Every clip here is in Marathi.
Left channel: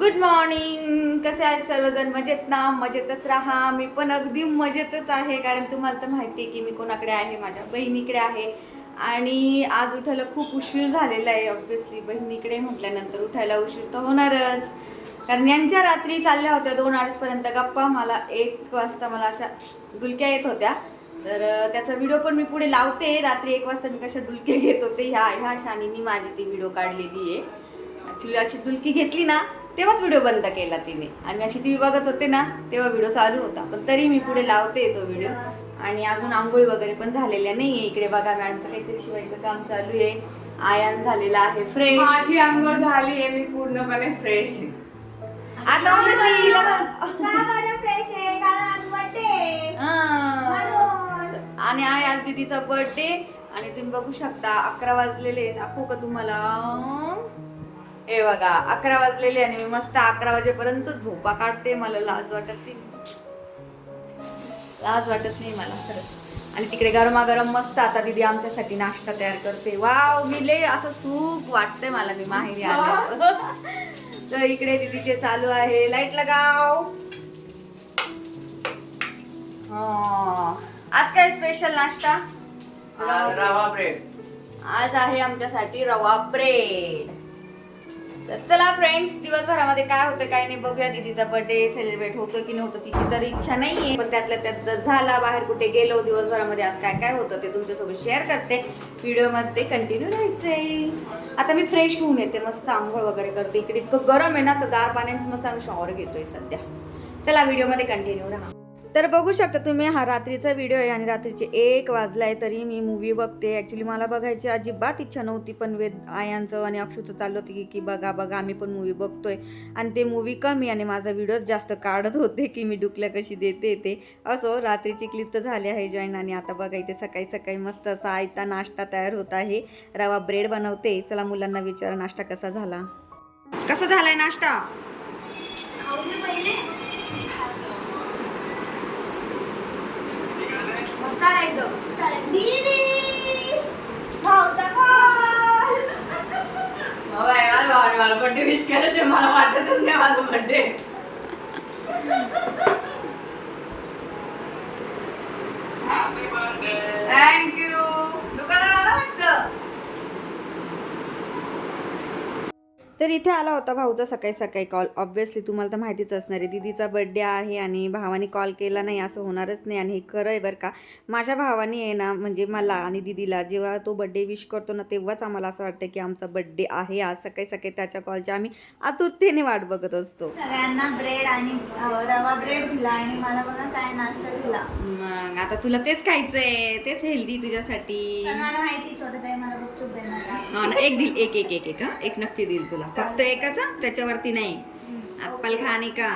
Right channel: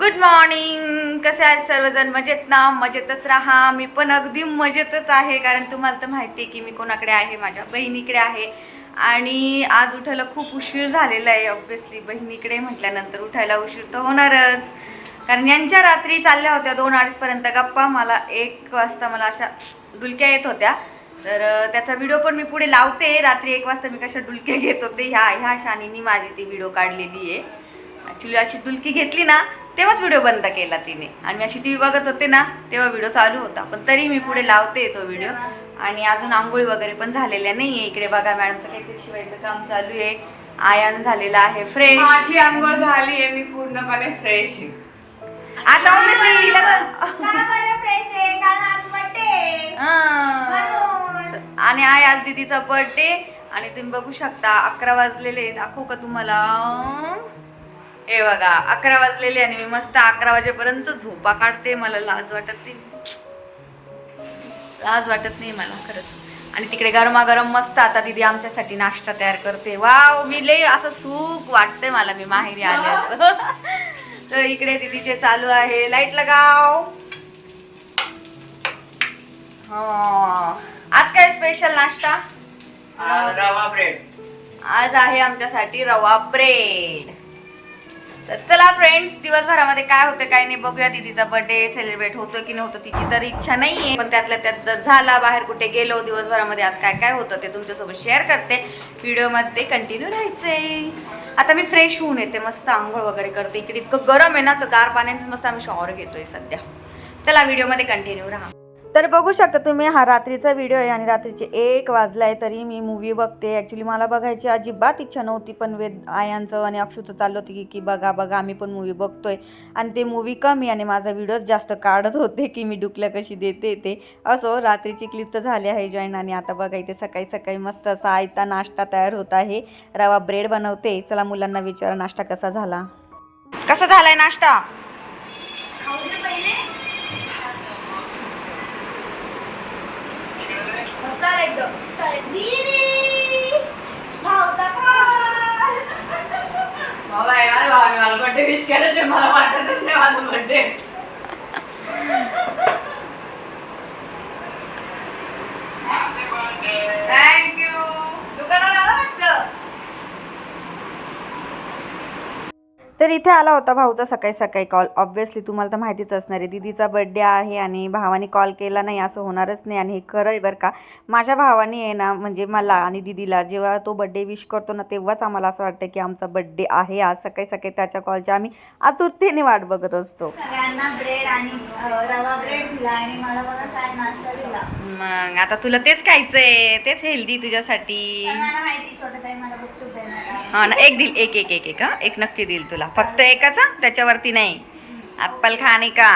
गुड मॉर्निंग कसे आहेत सर्वजण? मजेत ना? मजेतच राहा. मी पण अगदी मजेतच आहे कारण तुम्हाला तर माहिती आहे की मी कोणाकडे आहे? माझ्या बहिणीकडे आहे. आणि आज उठायला खूप उशीर झालेला आहे ऑब्व्हियसली बहिणीकडे म्हटल्यानंतर उठायला उशीर तर होणारच. कारण यांच्या रात्री चालल्या होत्या दोन अडीचपर्यंत गप्पा. मला एक वाजता मला अशा डुलक्या येत होत्या. तर त्याचा व्हिडिओ पण मी पुढे लावते. रात्री एक वाजता मी कशा डुलके घेत होते? ह्या ह्या शानीनी माझी ती व्हिडिओ काढलेली आहे. ॲक्च्युली अशी डुलकी घेतली ना तेव्हाच व्हिडिओ बंद केला तिने. आणि मी अशी टी व्ही बघत होते ना तेव्हा व्हिडिओ चालू होता. पण तरी मी पुढे लावते तो व्हिडिओ. आणि अजून आंघोळी वगैरे पण झालेल्या नाही आहे इकडे बघा मॅडमचं काहीतरी शिवायचं काम चालू आहे. आयान झालेला आहे फ्रेश माझी आंघोळ झाली आहे मी पूर्णपणे फ्रेश आहे. आता. हां. आणि आहे आज दीदीचा बर्थडे आणि तुम्ही बघू शकता अकरा वाजलेले आहेत. दाखवू का तुम्हाला? हे बघा अकरा वाजलेले आणि मी मस्त अकरा वाजेपर्यंत झोपा काढते मला लाज वाटत नाही. लाज वाटत नाही मला खरंच. आणि तिकडे गरमागरम मस्त आता दीदी आमच्यासाठी नाश्ता तयार करते. वाव मी लय असं सुख वाटतंय मला मी माहेरी आल्याचं तर इकडे दीदीचे चालू आहे. लाइट लगाव. हा. आज काय स्पेशल नाश्ता? रवा ब्रेड आज आहे आमच्यासाठी रवा ब्रेड तर चला फ्रेंड्स दिवसभरामध्ये काय होतं काय नाही बघूया दीदीचा बर्थडे सेलिब्रेट होतो की नव्हतं तिची तर इच्छा नाहीये. पण त्यातल्या त्यात जर झाला बाहेर कुठे गेलो दिवसभरामध्ये आज काय काय होतं ते तुमच्यासोबत शेअर करते. व्हिडिओमध्ये कंटिन्यू राहायचंय. आता मी फ्रेश होऊन येते मस्त आंघोळ वगैरे करते. इकडे इतकं गरम आहे ना तर गार पाण्याने मस्त आम्ही शॉवर घेतोय सध्या. चला व्हिडिओमध्ये कंटिन्यू राहा. तर बघू शकता तुम्ही हा रात्रीचा व्हिडिओ आहे आणि रात्रीचे एक वाजलाय तरी मी मूवी बघते. ॲक्च्युली मला बघायची अजिबात इच्छा नव्हती पण वेद आयांचं आणि अक्षूचं चाललं होतं की की बघा बघा आम्ही पण मूवी बघतोय. आणि ते मूवी कमी आणि माझा व्हिडिओ जास्त काढत होते की मी डुकल्या कशी देते ते. असो रात्रीची क्लिप तर झाली आहे जॉईन. आणि आता बघा इथे सकाळी सकाळी मस्त असा आयता नाश्ता तयार होत आहे. रवा ब्रेड बनवते. चला मुलांना विचारा नाश्ता कसा झाला? कसा झालाय नाश्ता? खाऊ दे पहिले. मस्त आहे एकदम मला बर्थडे विश केल्याचे मला वाटतच नाही माझा बर्थडे तर इथे आला होता भाऊचा सकाळी सकाळी कॉल ऑब्व्हियसली तुम्हाला तर माहितीच असणार आहे दीदीचा बड्डे आहे आणि भावाने कॉल केला नाही असं होणारच नाही आणि हे खरं आहे बरं का. माझ्या भावाने आहे ना म्हणजे मला आणि दीदीला जेव्हा तो बड्डे विश करतो ना तेव्हाच आम्हाला असं वाटतं की आमचा बड्डे आहे. आज सकाळी सकाळी त्याच्या कॉलची आम्ही आतुरतेने वाट बघत असतो. सगळ्यांना ब्रेड आणि रवा ब्रेड दिला आणि मला बघा काय नाश्ता दिला. मग आता तुला तेच खायचंय तेच हेल्दी तुझ्यासाठी. मला माहिती छोटं ताई मला गुपचूप देणार आहे. हा ना एक दिल एक एक एक एक हा? एक नक्की देईल तुला. फक्त एकच हा त्याच्यावरती नाही. ॲप्पल खाणे का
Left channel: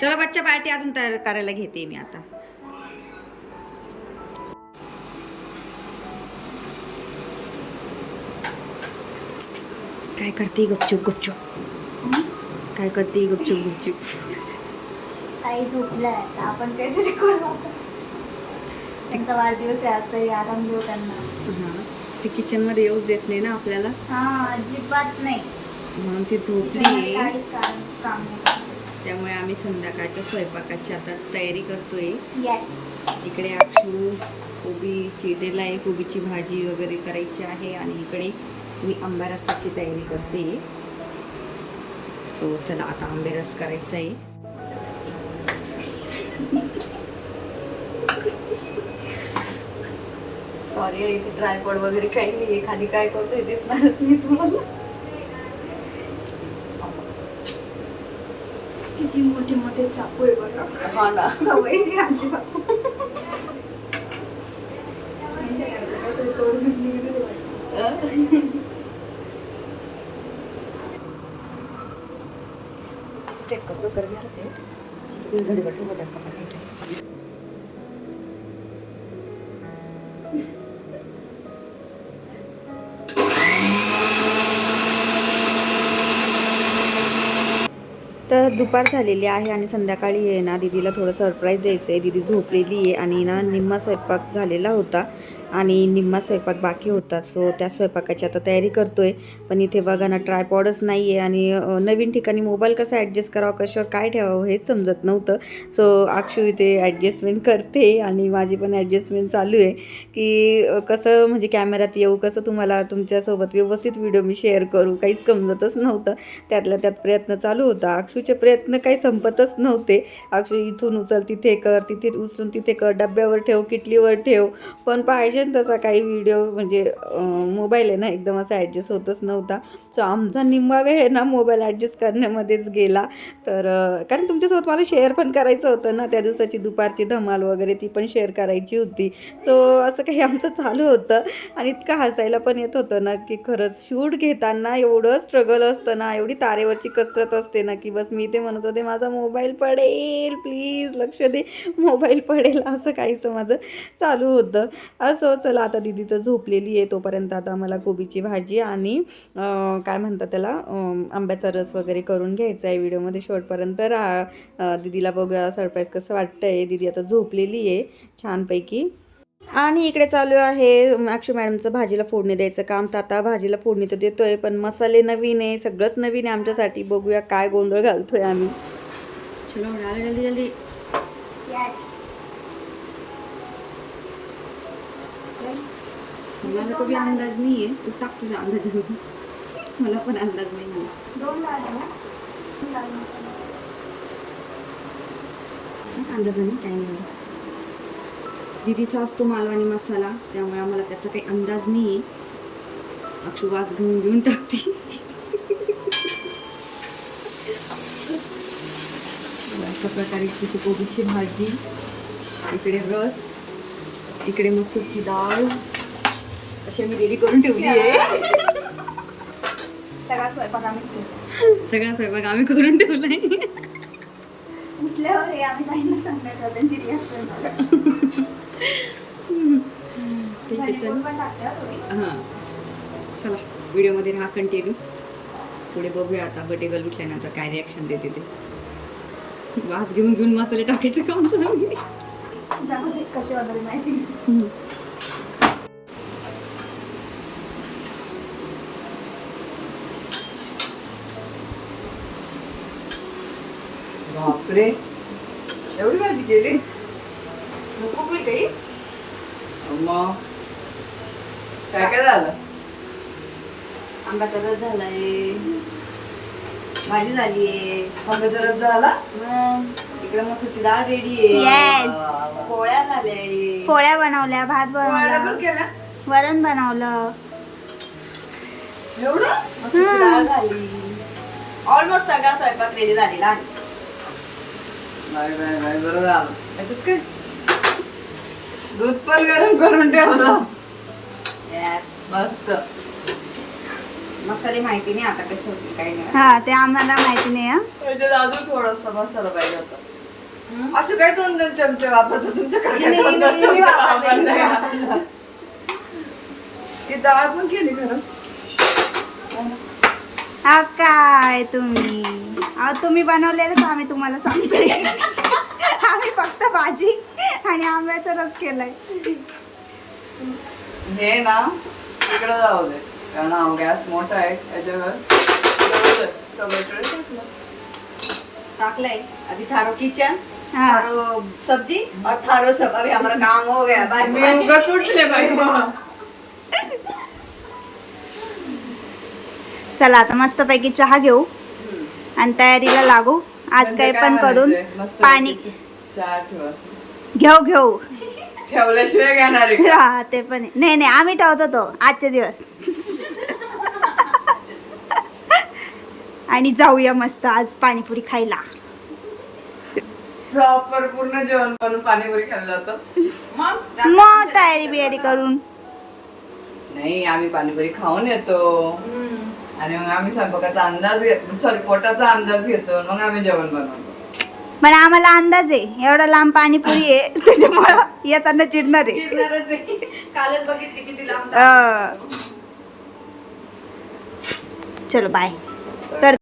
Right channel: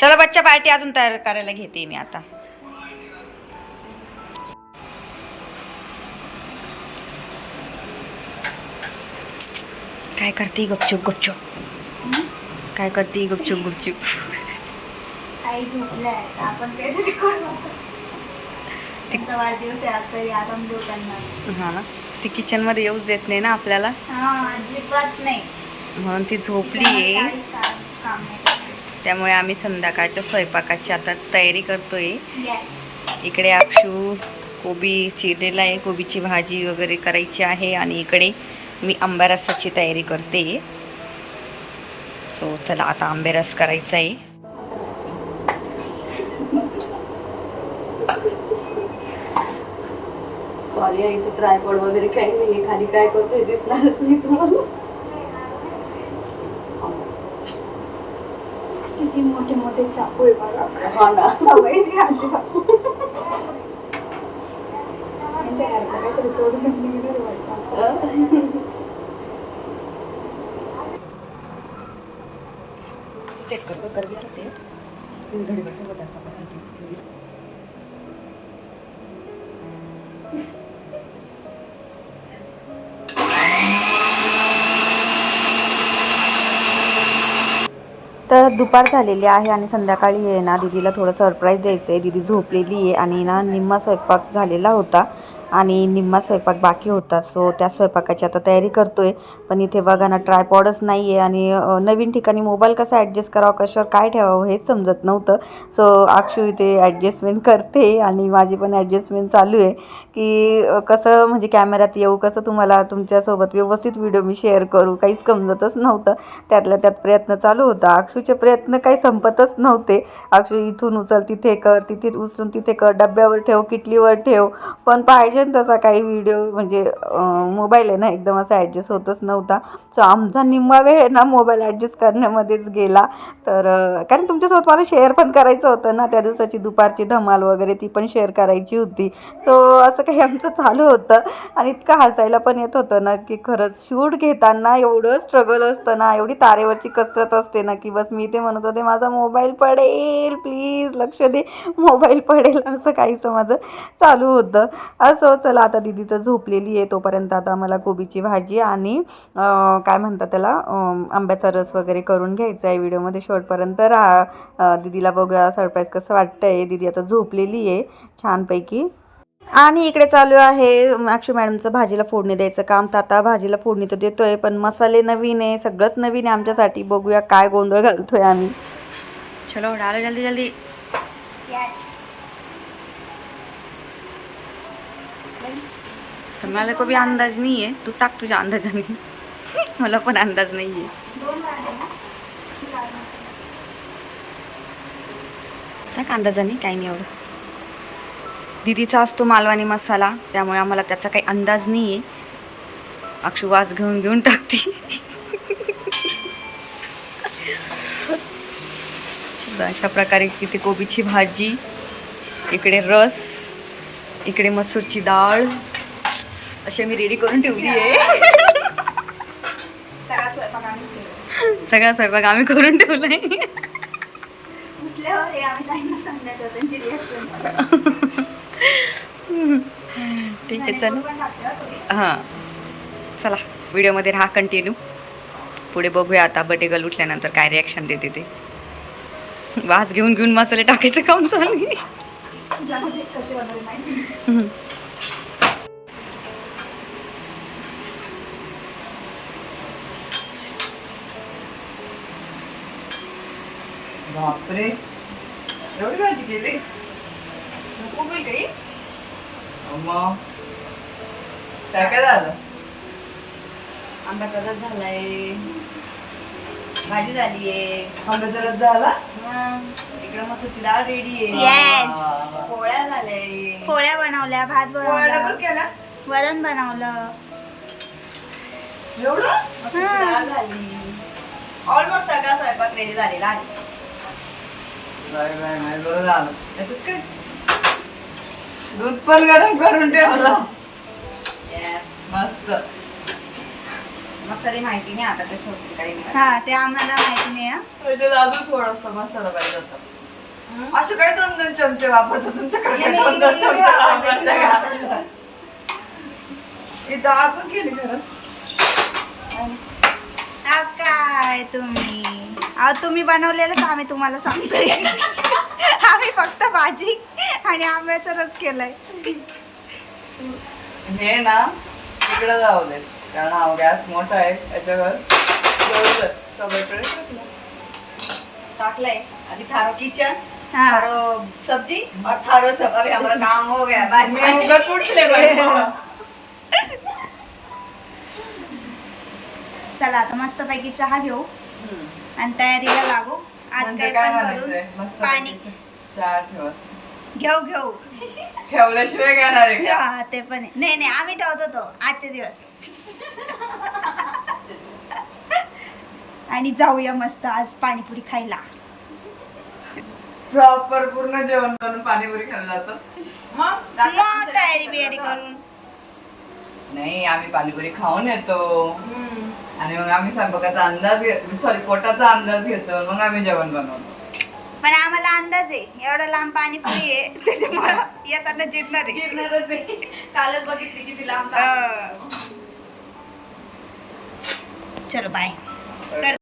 चलो बच्चा पार्टी अजून तयार करायला घेते मी आता. काय करते गपचूप गपचूप? काय करते गपचूप गुपचूप? वाढदिवस हा ना. ती किचनमध्ये येऊच देत नाही ना आपल्याला? हा अजिबात नाही. म्हणून ती झोपली आहे. त्यामुळे आम्ही संध्याकाळच्या स्वयंपाकाची आता तयारी करतोय. इकडे अक्षू कोबी चिरलेला आहे. कोबीची भाजी वगैरे करायची आहे आणि इकडे मी आंबा रसाची तयारी करते. सो चला आता आंबे रस करायचा आहे. सॉरी इथे ट्रायपॉड वगैरे काही नाही खाली काय करतोय दिसणारच नाही तुम्हाला. किती मोठे मोठे चाकू आहे बघा. हा ना. सवय नाही घरात काहीतरी तोडूनच निघणार वाटतं. सेट करतो कर सेट घडी बघा का? तर दुपार झालेली आहे आणि संध्याकाळी आहे ना दीदीला थोडं सरप्राईज द्यायचं आहे दीदी झोपलेली आहे आणि ना निम्मा स्वयंपाक झालेला होता. आणि निम्मा स्वयंपाक बाकी होता. सो त्या स्वयंपाकाची आता तयारी करतो आहे पण इथे बघा ना ट्रायपॉडच नाही आहे आणि नवीन ठिकाणी मोबाईल कसा ॲडजस्ट करावा कशावर काय ठेवावं हेच समजत नव्हतं. सो अक्षू इथे ॲडजस्टमेंट करते आणि माझी पण ॲडजस्टमेंट चालू आहे. की कसं म्हणजे कॅमेऱ्यात येऊ कसं तुम्हाला तुमच्यासोबत व्यवस्थित व्हिडिओ मी शेअर करू काहीच समजतच नव्हतं. त्यातल्या त्यात प्रयत्न चालू होता. अक्षूचे प्रयत्न काही संपतच नव्हते. अक्षू इथून उचल तिथे कर तिथे उचलून तिथे कर डब्यावर ठेव किटलीवर ठेव. पण पाहिजे ना तसा काही व्हिडिओ म्हणजे मोबाईल आहे ना एकदम असा ॲडजस्ट होतच नव्हता. सो आमचा निम्मा वेळ आहे ना मोबाईल ॲडजस्ट करण्यामध्येच गेला. तर कारण तुमच्यासोबत मला शेअर पण करायचं होतं ना त्या दिवसाची दुपारची धमाल वगैरे ती पण शेअर करायची होती. सो असं काही आमचं चालू होतं. आणि इतकं हसायला पण येत होतं ना की खरंच शूट घेताना एवढं स्ट्रगल असतं ना एवढी तारेवरची कसरत असते ना की बस मी ते म्हणत होते माझा मोबाईल पडेल प्लीज लक्ष दे मोबाईल पडेल असं काहीसं माझं चालू होतं. असं चला आता दिदी तर झोपलेली आहे तोपर्यंत आता मला कोबीची भाजी आणि काय म्हणतात त्याला आंब्याचा रस वगैरे करून घ्यायचा आहे व्हिडिओमध्ये शेवटपर्यंत राहा दिदीला बघूया सरप्राईज कसं वाटतंय. दिदी आता झोपलेली आहे छानपैकी. आणि इकडे चालू आहे अक्षू मॅडमचं भाजीला फोडणी द्यायचं काम. तर आता भाजीला फोडणी तर देतोय पण मसाले नवीन आहे सगळंच नवीन आहे आमच्यासाठी. बघूया काय गोंधळ घालतोय आम्ही. चलो डालो जल्दी जल्दी. तर मला को भी अंदाज नाही आहे तू टाक तुझ्या अंदाजाने. मला पण अंदाज नाही आहे. टाक अंदाजाने काही नाही एवढं. दिदीचा असतो मालवानी मसाला त्यामुळे आम्हाला त्याचा काही अंदाज नाही आहे अक्षू वाज घेऊन घेऊन टाकते. अशा प्रकारे इथे कोबीची भाजी इकडे रस इकडे मसूरची डाळ. अशी मी रेडी करून ठेवली आहे. सगळा स्वयंपाक आम्ही करून ठेवलाय. रिॲक्शन ठीक आहे चल. हां चला व्हिडिओमध्ये राहा कंटिन्यू पुढे बघूया आता बटेगल उठल्यानंतर काय रिॲक्शन देते ते. वास घेऊन घेऊन मसाले टाकायचं काम चालू बापरे एवढी भाजी केली मग काय काय झालं आंब्याचा रस झालाय भाजी झाली आहे आंब्याचा रस झाला इकडे मसूरची डाळ रेडी आहे येस पोळ्या झाल्या पोळ्या बनवल्या भात पोळ्या पण बनवलं? वरण बनवलं एवढं मसूरची डाळ झाली ऑलमोस्ट सगळा स्वयंपाक रेडी झालेला आहे नाही नाही नाही बरं झालं. याच्यात काय? दूध पण गरम करून ठेवलं. येस मस्त. मसाले माहिती नाही आता कसे होते काही नाही. हा ते आम्हाला माहिती नाही हा. त्याच्यात अजून थोडासा मसाला पाहिजे होता. असं काय दोन दोन चमचे वापरतो तुमच्याकडे काय दोन नाही, दोन चमचे? ही डाळ पण केली खरं हा काय तुम्ही? अहो तुम्ही बनवलेलंच आम्ही तुम्हाला सांगतोय आम्ही फक्त भाजी आणि आंब्याचा रस केलाय. हे ना इकडे जाऊ दे. कारण हा गॅस मोठा आहे त्याच्यावर. टाकलंय. अभी थारो किचन हा. थारो सब्जी और थारो सब अभी हमारा काम हो गया. बाय. मी उगाच उठले बाई. चला आता मस्तपैकी चहा घेऊ आणि तयारीला लागू. आज म्हणजे काही पण करून पाणी. पैकी चहा ठेवा. घेऊ घेऊ. ठेवल्याशिवाय घेणार? हा ते पण. नाही नाही आम्ही ठेवतो तो आजचे दिवस. आणि जाऊया मस्त आज पाणीपुरी खायला. प्रॉपर पूर्ण जेवण बनवून पाणीपुरी खायला जातो. मग? मग तयारी बियारी करून. नाही आम्ही पाणीपुरी खाऊन येतो. आणि मग आम्ही स्वयंपाकाचा अंदाज घेतो. सॉरी पोटाचा अंदाज घेतो. मग आम्ही जेवण बनवतो. पण आम्हाला अंदाज आहे. एवढा लांब पाणीपुरी आहे. त्याच्यामुळं येताना चिडणार आहे. फिरणारच आहे. कालच बघितली किती लांब अं. चलो बाय कर